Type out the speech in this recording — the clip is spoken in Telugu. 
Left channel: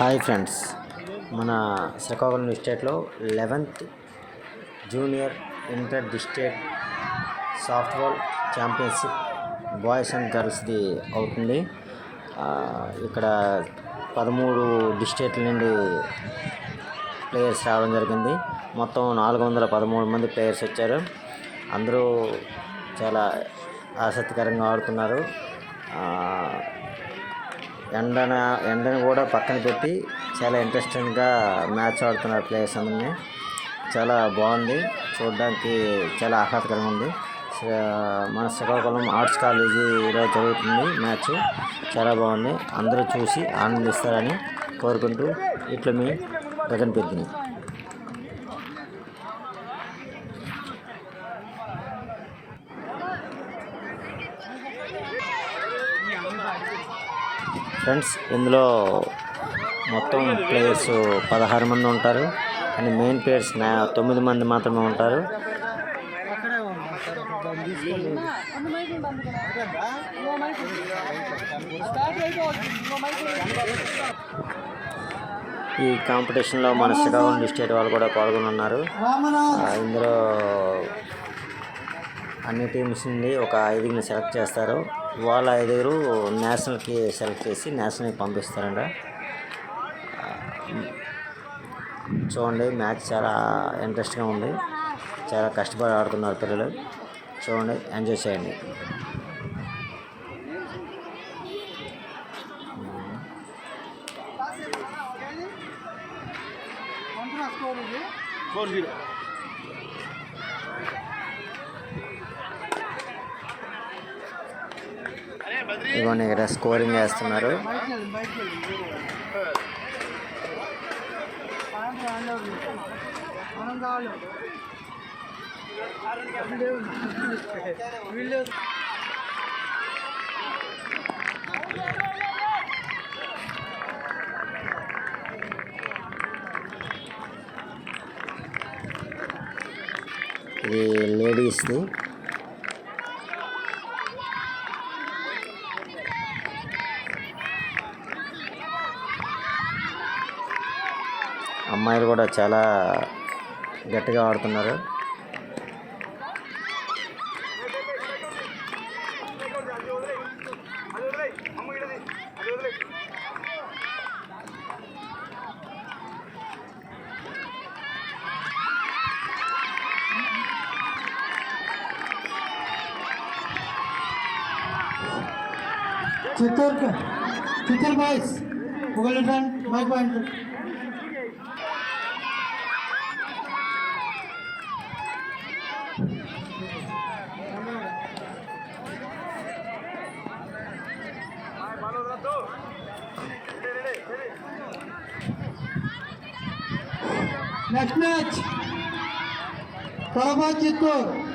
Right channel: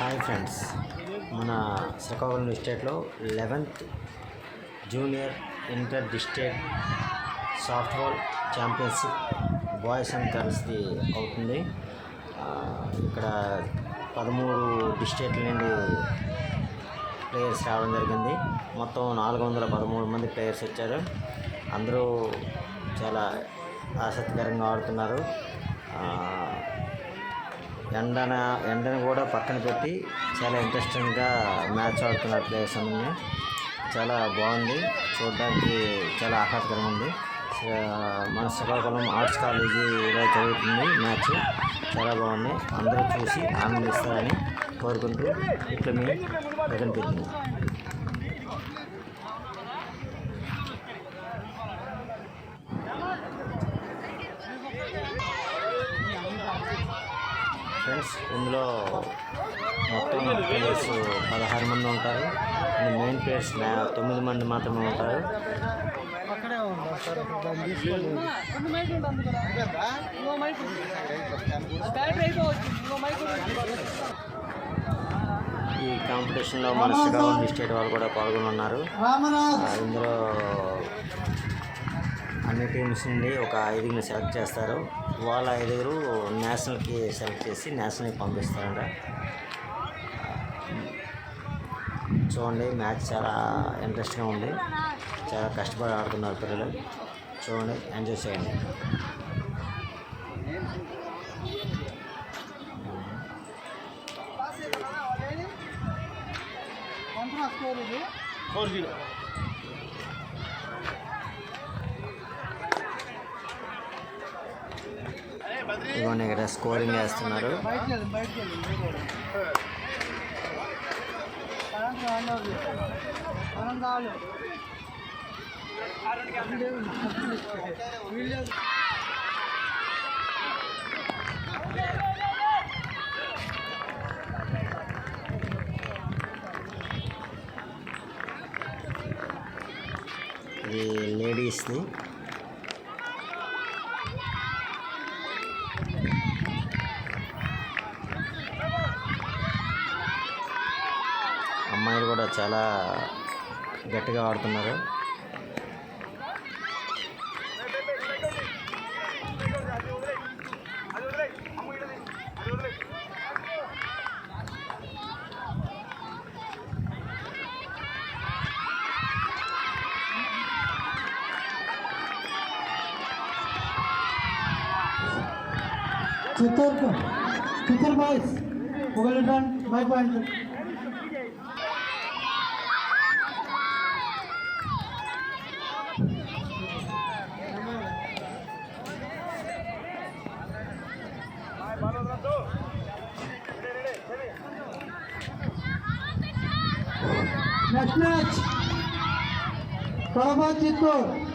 హాయ్ ఫ్రెండ్స్, మన శ్రీకాకుళం డిస్ట్రిక్ట్లో 11th junior inter district softball championship boys and గర్ల్స్ది అవుతుంది. ఇక్కడ 13 డిస్ట్రిక్ట్ల నుండి ప్లేయర్స్ రావడం జరిగింది. మొత్తం 413 మంది ప్లేయర్స్ వచ్చారు. అందరూ చాలా ఆసక్తికరంగా ఆడుతున్నారు. ఎండను కూడా పక్కన పెట్టి చాలా ఇంట్రెస్టింగ్గా మ్యాచ్ ఆడుతున్నారు ప్లేయర్స్ అందరినీ. చాలా బాగుంది, చూడడానికి చాలా ఆహ్లాదకరంగా ఉంది. మన శ్రీకాకుళం ఆర్ట్స్ కాలేజీలో జరుగుతుంది మ్యాచ్. చాలా బాగుంది, అందరూ చూసి ఆనందిస్తారని కోరుకుంటూ ఇట్లా మీ గగన్ పెద్దిని. ఫ్రెండ్స్, ఇందులో మొత్తం ప్లేయర్స్ 16 మంది ఉంటారు, కానీ మెయిన్ ప్లేయర్స్ 9 మంది మాత్రమే ఉంటారు. ఈ కాంపిటీషన్లో మన శ్రీకాకుళం డిస్ట్రిక్ట్ వాళ్ళు కూడా పాల్గొన్నారు. ఇందులో అన్ని టీమ్స్ నుండి ఒక 5 సెలెక్ట్ చేస్తారు. వాళ్ళ 5 నేషనల్కి సెలెక్ట్ చేసి నేషనల్కి పంపిస్తారంట. చూడండి, మ్యాచ్ చాలా ఇంట్రెస్ట్గా ఉంది. చాలా కష్టపడి ఆడుతున్నారు పిల్లలు. చూడండి, ఎంజాయ్ చేయండి. ఇవన్నీ ఇక్కడ స్కోరింగ్ వేస్తున్నారు. ఇది లేడీస్ది. అమ్మాయిలు కూడా చాలా గట్టిగా ఆడుతున్నారు. చిత్తూరు బాయ్స్ ఒకళ్ళు my point. Next match Kadapa Chittoor.